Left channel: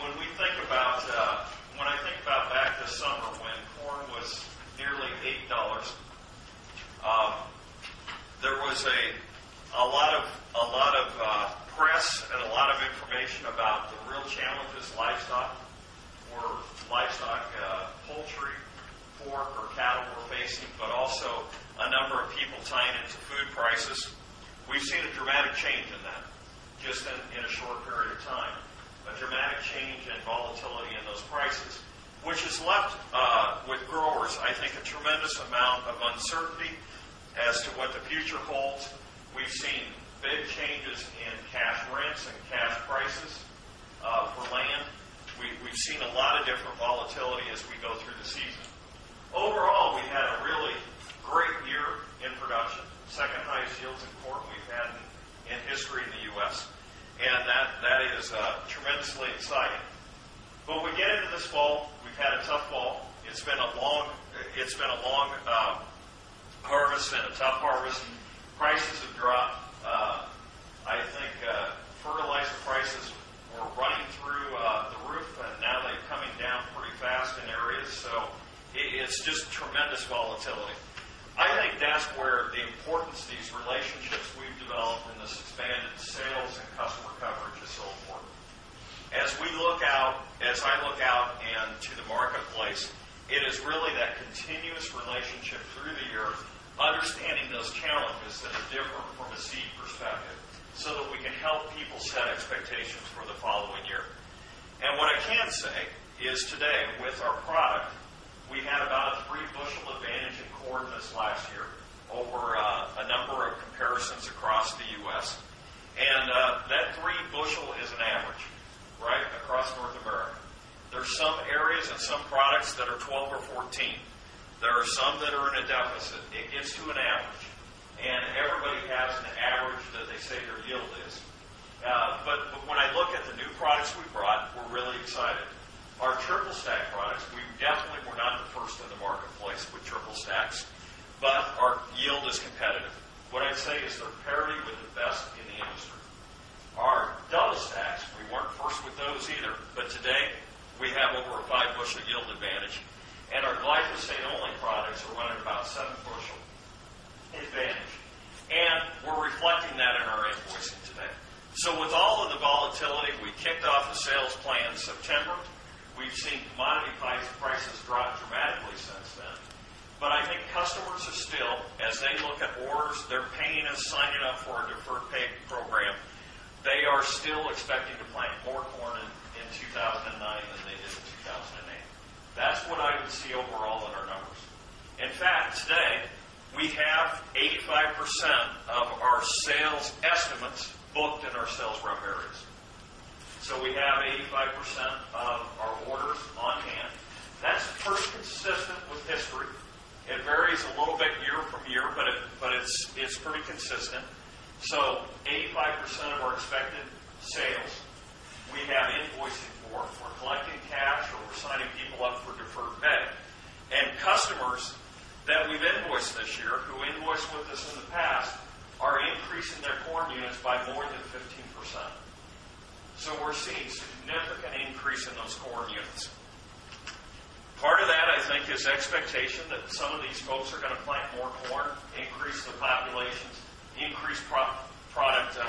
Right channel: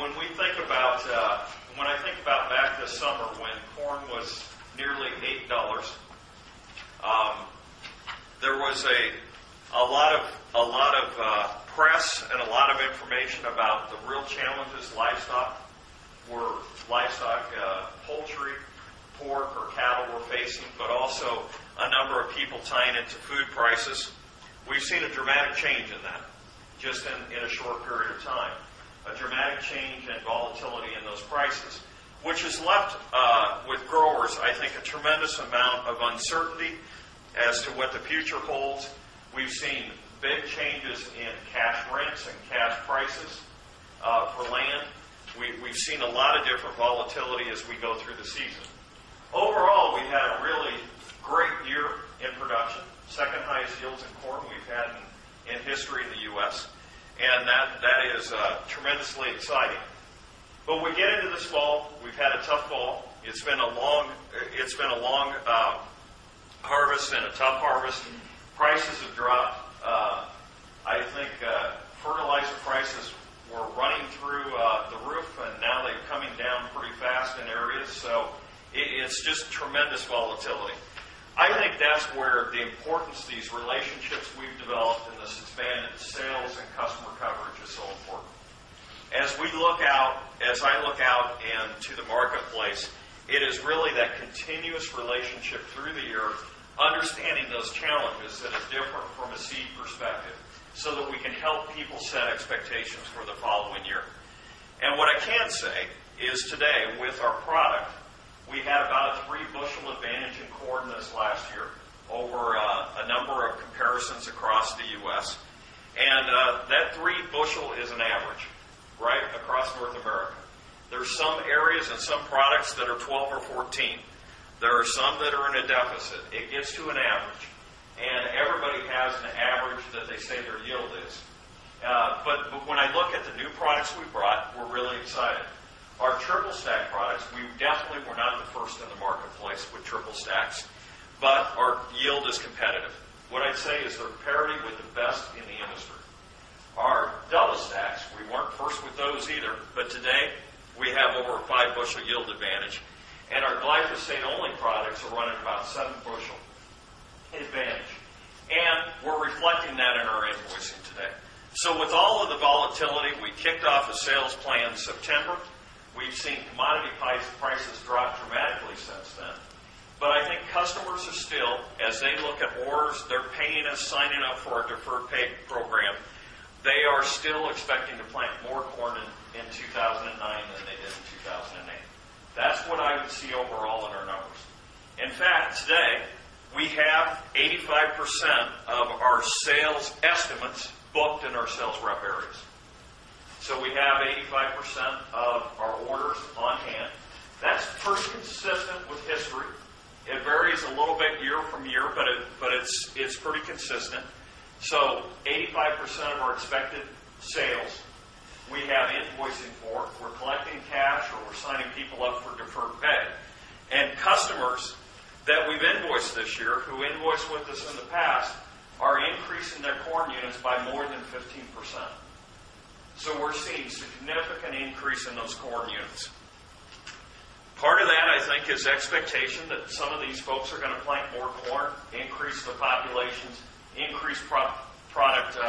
when we think about, when I think about back this summer when corn was nearly $8, there was a lot of press and a lot of information about the real challenges livestock, poultry, pork, or cattle were facing, but also a number of people tying into food prices. We've seen a dramatic change in that, just in a short period of time. A dramatic change and volatility in those prices, which has left with growers, I think, a tremendous amount of uncertainty as to what the future holds. We've seen big changes in cash rents and cash prices for land. We've seen a lot of different volatility as we go through the season. Overall, we had a really great year in production, second highest yields in corn we've had in history in the U.S., and that is tremendously exciting. But we get into this fall. We've had a tough fall. It's been a long harvest and a tough harvest. Prices have dropped. I think fertilizer prices were running through the roof, and now they're coming down pretty fast in areas. So it's just tremendous volatility. I think that's where the importance, these relationships we've developed in this expanded sales and customer coverage is so important. As I look out into the marketplace, it is really that continuous relationship through the year, understanding those challenges that are different from a seed perspective, so that we can help people set expectations for the following year. And what I can say is today, with our product, we had about a 3 bushel advantage in corn this last year over a number of comparisons across the U.S. And that 3 bushel is an average, right, across North America. There's some areas and some products that are 12 or 14. There are some that are in a deficit. It gets to an average. And everybody has an average that they say their yield is. But when I look at the new products we brought, we're really excited. Our triple stack products, we definitely were not the first in the marketplace with triple stacks, but our yield is competitive. What I'd say is they're parity with the best in the industry. Our double stacks, we weren't first with those either, but today we have over a 5 bushel yield advantage. And our glyphosate-only products are running about 7 bushel advantage. And we're reflecting that in our invoicing today. So with all of the volatility, we kicked off a sales plan in September. We've seen commodity prices drop dramatically since then. But I think customers are still, as they look at orders, they're paying us, signing up for our deferred pay program. They are still expecting to plant more corn in 2009 than they did in 2008. That's what I would see overall in our numbers. In fact, today, we have 85% of our sales estimates booked in our sales rep areas. So we have 85% of our orders on hand. That's pretty consistent with history. It varies a little bit year from year, but it's pretty consistent. So 85% of our expected sales we have invoicing for. We're collecting cash, or we're signing people up for deferred pay. And customers that we've invoiced this year, who invoiced with us in the past, are increasing their corn units by more than 15%. So we're seeing significant increase in those corn units. Part of that, I think, is expectation that some of these folks are going to plant more corn, increase the populations, increase product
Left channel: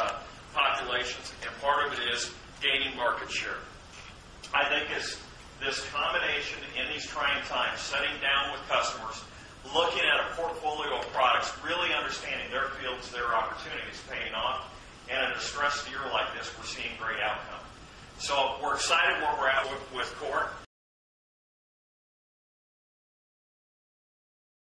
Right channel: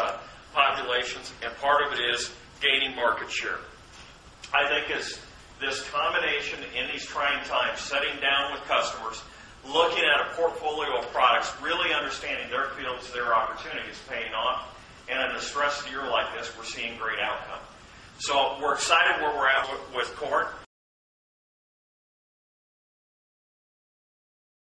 populations, and part of it is gaining market share. I think as this combination in these trying times, sitting down with customers, looking at a portfolio of products, really understanding their fields, their opportunities, paying off. And in a stressed year like this, we're seeing great outcome. So we're excited where we're at with corn.